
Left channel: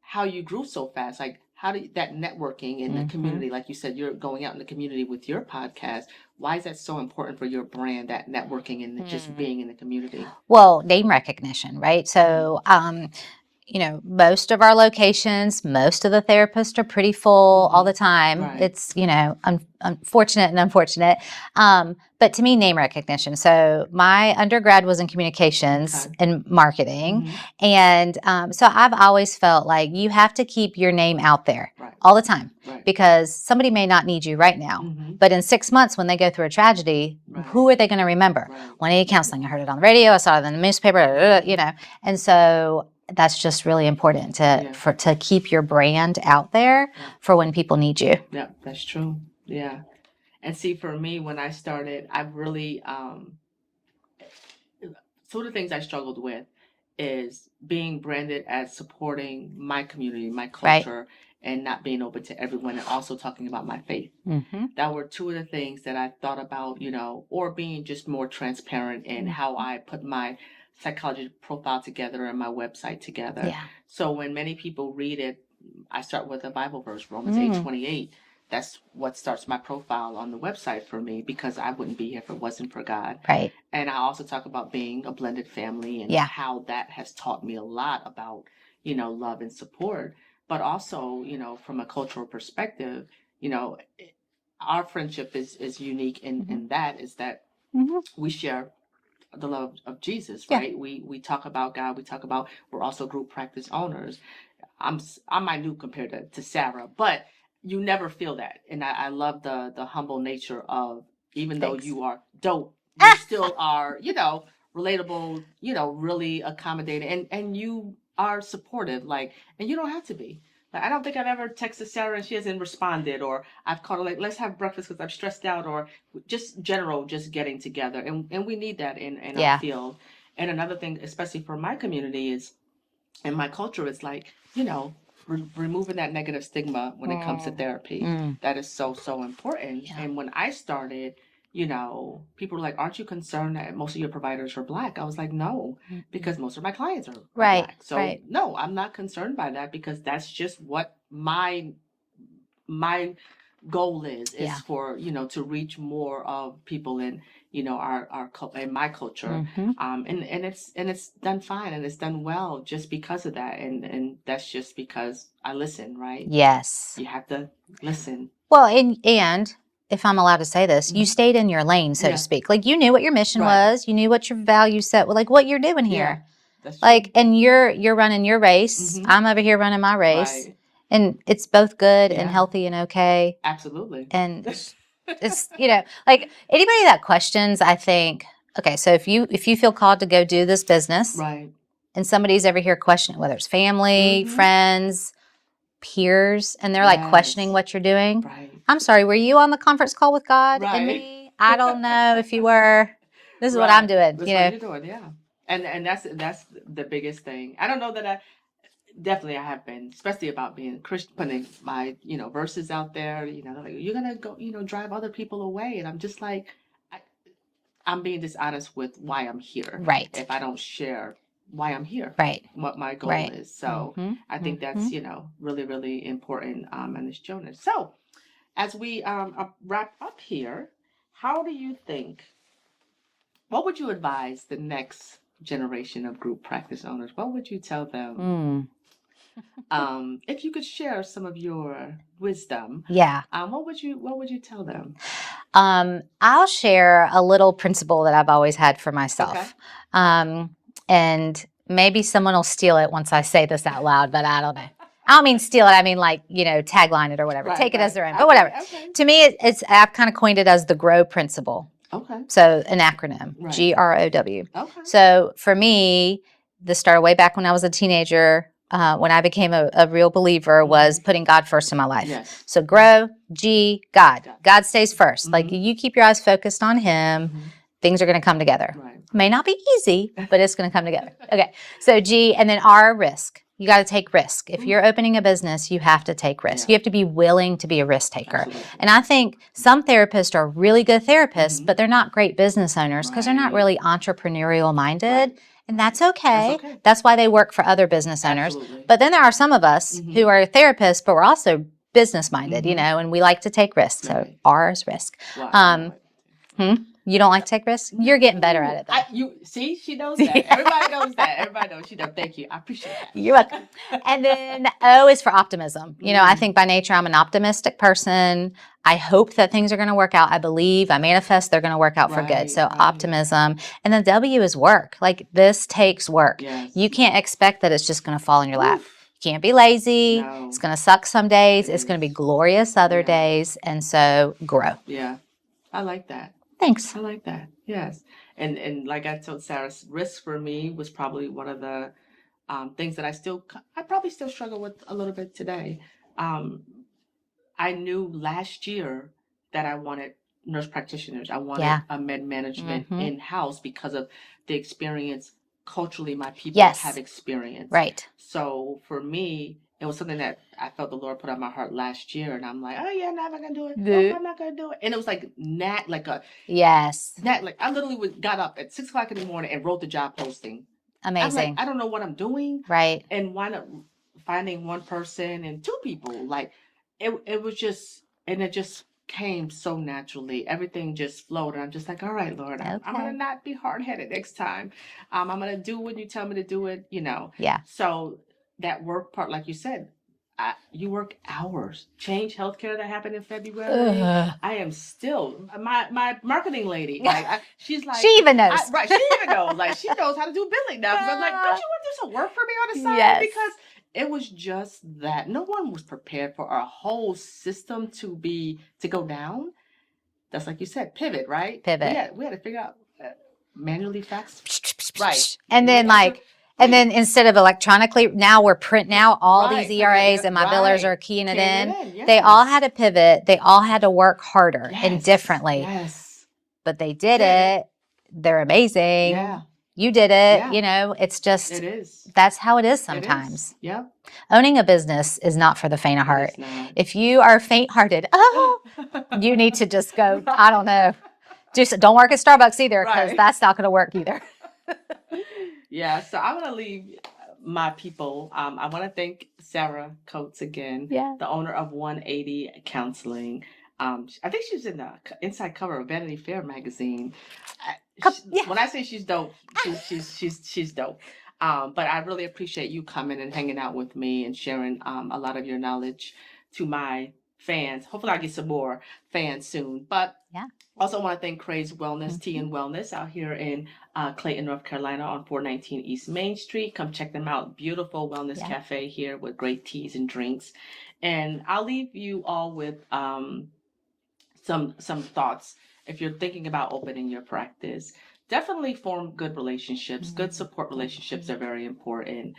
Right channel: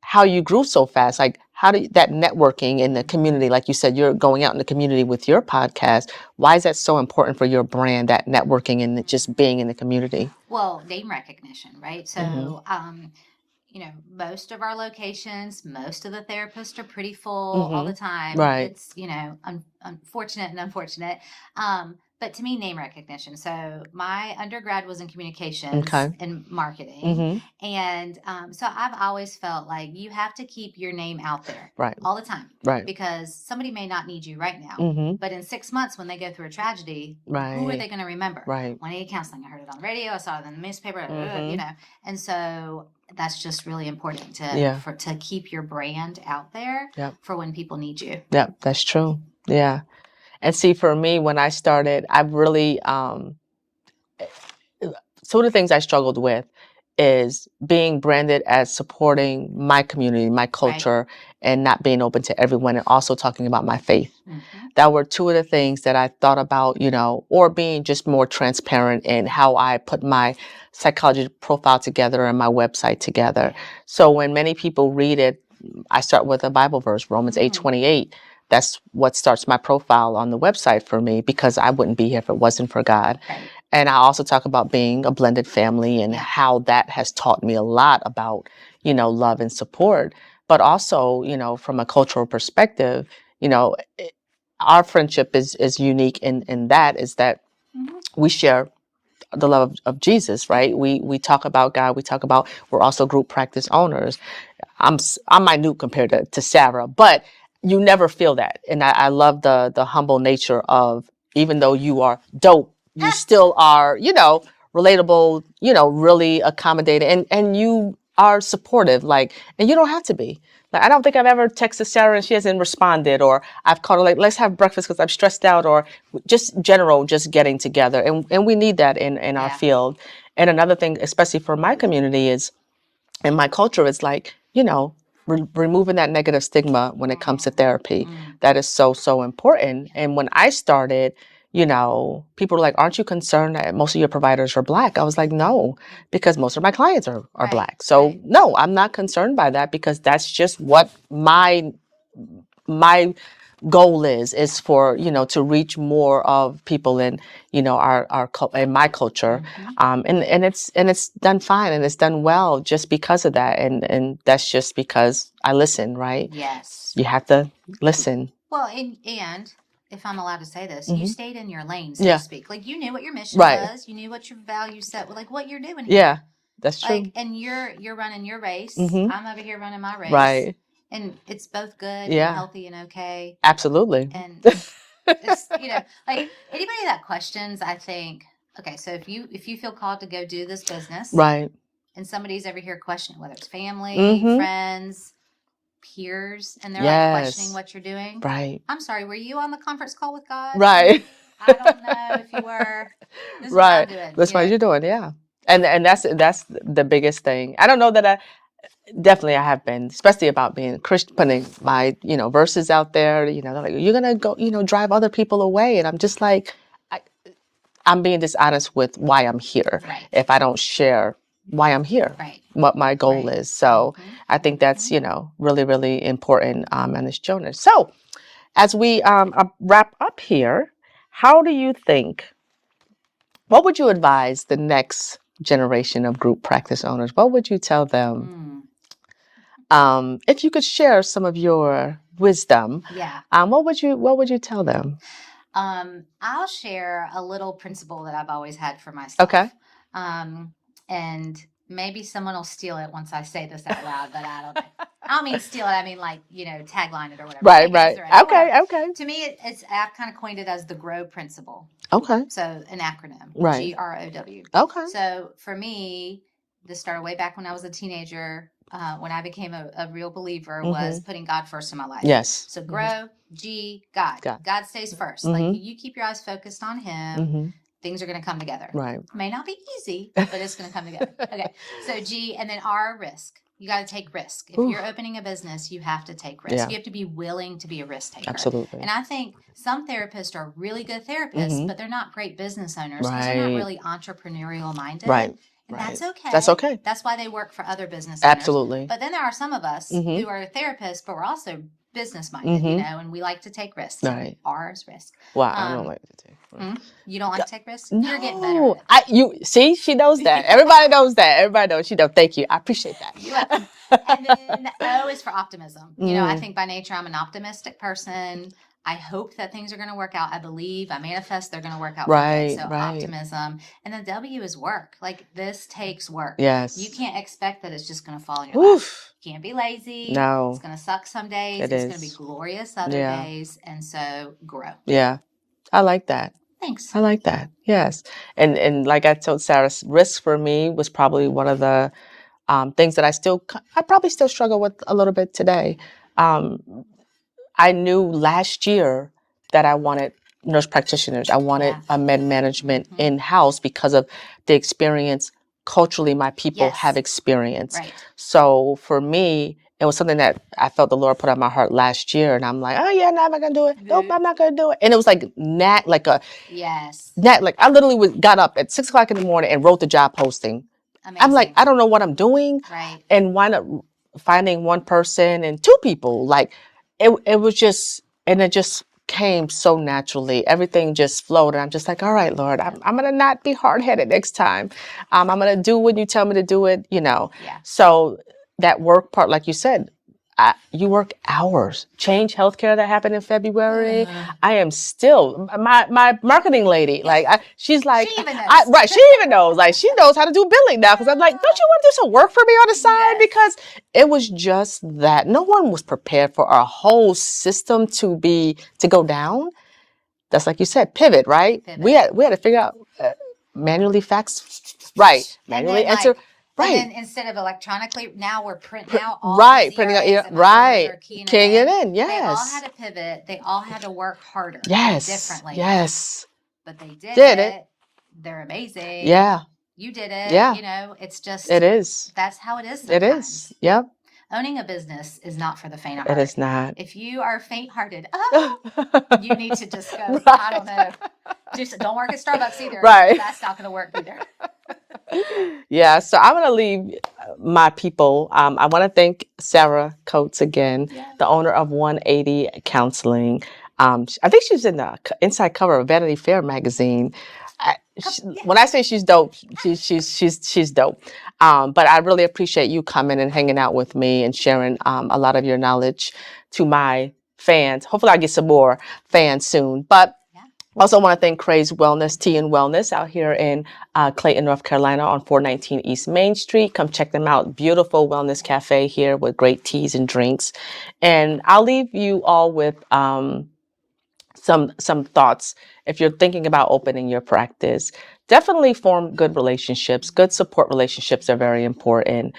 how you grew so fast. Like, that networking in the community, like you said, you're going out in the community with your podcast. Why is that so important for your brand, that networking and just being in the community? Well, name recognition, right? So, most of our locations, most of the therapists are pretty full all the time. Right. It's, unfortunate and unfortunate. But to me, name recognition. So my undergrad was in communications and marketing. And so I've always felt like you have to keep your name out there all the time. Right. Because somebody may not need you right now. But in 6 months, when they go through a tragedy, who are they going to remember? Right. When I need counseling, I heard it on the radio, I saw it in the newspaper, And so that's just really important to keep your brand out there for when people need you. Yeah, that's true. Yeah. And see, for me, when I started, I really, some of the things I struggled with is being branded as supporting my community, my culture, and not being open to everyone, and also talking about my faith. That were two of the things that I thought about, or being just more transparent in how I put my psychology profile together and my website together. So when many people read it, I start with a Bible verse, Romans 8:28. That's what starts my profile on the website for me, because I wouldn't be here if it wasn't for God. Right. And I also talk about being a blended family and how that has taught me a lot about, love and support. But also, from a cultural perspective, our friendship is unique in that we share the love of Jesus, right? We talk about God. We talk about, we're also group practice owners. I'm minute compared to Sarah, but you never feel that. And I love the humble nature of, even though you are dope, you still are, relatable, really accommodating, and you are supportive, and you don't have to be. Like, I don't think I've ever texted Sarah and she hasn't responded, or I've called her like, let's have breakfast because I'm stressed out, or just getting together. And we need that in our field. And another thing, especially for my community, is, in my culture, is removing that negative stigma when it comes to therapy. That is so, so important. And when I started, people were like, aren't you concerned that most of your providers are Black? I was like, no, because most of my clients are Black. So no, I'm not concerned by that, because that's just what my goal is for, to reach more of people in, our in my culture. And it's done fine, and it's done well just because of that. And that's just because I listen, right? Yes. You have to listen. Well, and if I'm allowed to say this, you stayed in your lane, so to speak. Like, you knew what your mission was, you knew what your value set was, like what you're doing here. Yeah, that's true. And you're running your race. I'm over here running my race. Right. And it's both good and healthy and okay. Absolutely. And it's, like, anybody that questions, I think, okay, so if you feel called to go do this business, right, and somebody's over here questioning, whether it's family, friends, peers, and they're like questioning what you're doing. Right. I'm sorry, were you on the conference call with God? Right. I don't know if you were. This is what I'm doing. That's what you're doing, yeah. And that's the biggest thing. I don't know that definitely I have been, especially about being Christian, putting my, verses out there, they're like, you're going to go, drive other people away. And I'm just like, I'm being dishonest with why I'm here. Right. If I don't share why I'm here. Right. What my goal is. So I think that's, really, really important in this journey. So as we wrap up here, how do you think, what would you advise the next generation of group practice owners? What would you tell them? If you could share some of your wisdom, what would you tell them? I'll share a little principle that I've always had for myself. Okay. And maybe someone will steal it once I say this out loud, but I don't know. I don't mean steal it. I mean, like, tagline it or whatever. Right, Take it as their own. Okay, okay. To me, I've kind of coined it as the GROW principle. Okay. So an acronym, right. GROW. Okay. So for me, this started way back when I was a teenager. When I became a real believer, was putting God first in my life. Yes. So GROW, G, God. God stays first. Like, you keep your eyes focused on Him, things are going to come together. Right. May not be easy, but it's going to come together. Okay. So G, and then R, risk. You got to take risk. If you're opening a business, you have to take risk. You have to be willing to be a risk taker. Absolutely. And I think some therapists are really good therapists, but they're not great business owners because they're not really entrepreneurial minded. Right. And that's okay. That's okay. That's why they work for other business owners. Absolutely. But then there are some of us who are therapists, but we're also business minded, and we like to take risks. So R is risk. Wow. You don't like to take risks? You're getting better at it. You see, she knows that. Everybody knows that. Everybody knows. She knows. Thank you. I appreciate that. You're welcome. And then O is for optimism. You know, I think by nature I'm an optimistic person. I hope that things are going to work out. I believe, I manifest they're going to work out for good. So optimism. And then W is work. Like this takes work. Yes. You can't expect that it's just going to fall in your lap. You can't be lazy. No. It's going to suck some days. It's going to be glorious other days. And so grow. Yeah. I like that. Thanks. I like that. Yes. And like I told Sarah, risk for me was probably one of the things that I probably still struggle with a little bit today. I knew last year that I wanted nurse practitioners. I wanted a med management in-house because of the experience culturally my people have experienced. Right. So for me, it was something that I felt the Lord put on my heart last year. And I'm like, oh yeah, no, I'm not going to do it. Nope, I'm not going to do it. And it was like like I literally got up at 6 o'clock in the morning and wrote the job posting. Amazing. I'm like, I don't know what I'm doing. Right. And why not finding one person and two people? Like it was just, and it just came so naturally. Everything just flowed. And I'm just like, all right, Lord, I'm going to not be hard-headed next time. I'm going to do when you tell me to do it, Yeah. So that work part, like you said, you work hours. Change Healthcare that happened in February. I am still my marketing lady. Like she's like, she even knows. She even knows. Like she knows how to do billing now. Because I'm like, don't you want to do some work for me on the side? Yes. Because it was just that no one was prepared for our whole system to go down. That's like you said, pivot, right? Pivot. We had to figure out manually fax, right? And then and then instead of electronically, now we're printing out all these ERAs and my billers are keying it in. Yes. They all had to pivot. They all had to work harder and differently. Yes. But they did it. They're amazing. Yeah. You did it. Yeah. It's just. It is. That's how it is sometimes. It is. Yep. Owning a business is not for the faint of heart. It is not. If you are faint-hearted, you need to just go, I don't know. Just don't work at Starbucks either. Right. That's not going to work either. Yeah, so I'm going to leave my people. I want to thank Sarah Coates again, the owner of 180 Counseling. I think she's in the inside cover of Vanity Fair magazine. When I say she's dope, she's dope. But I really appreciate you coming and hanging out with me and sharing a lot of your knowledge to my fans. Hopefully, I'll get some more fans soon. But also want to thank Craze Wellness, Tea and Wellness out here in Clayton, North Carolina on 419 East Main Street. Come check them out. Beautiful wellness cafe here with great teas and drinks. And I'll leave you all with some thoughts. If you're thinking about opening your practice, definitely form good relationships. Good support relationships are very important.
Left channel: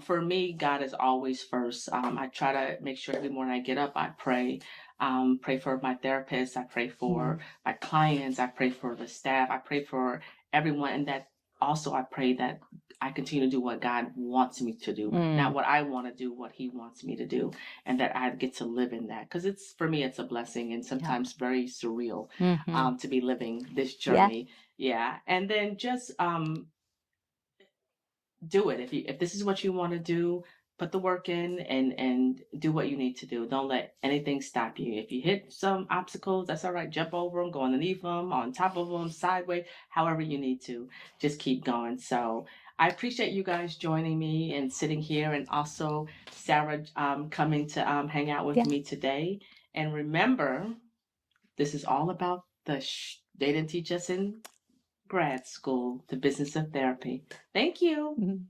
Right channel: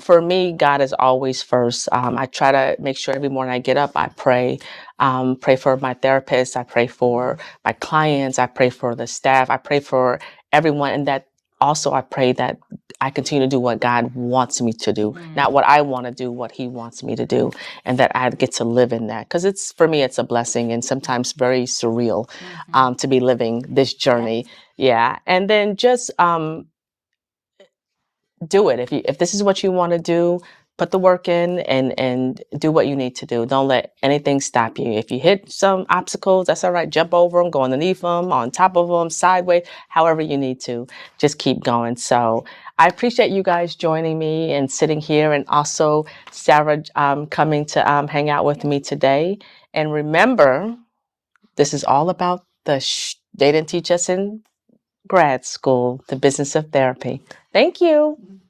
For me, God is always first. I try to make sure every morning I get up, I pray. Pray for my therapist. I pray for my clients. I pray for the staff. I pray for everyone. And that also I pray that I continue to do what God wants me to do, not what I want to do, what He wants me to do, and that I get to live in that. Because for me, it's a blessing and sometimes very surreal to be living this journey. Yeah. And then just do it. If this is what you want to do, put the work in and do what you need to do. Don't let anything stop you. If you hit some obstacles, that's all right. Jump over them, go underneath them, on top of them, sideways, however you need to. Just keep going. So I appreciate you guys joining me and sitting here, and also Sarah coming to hang out with me today. And remember, this is all about they didn't teach us in grad school, the business of therapy. Thank you.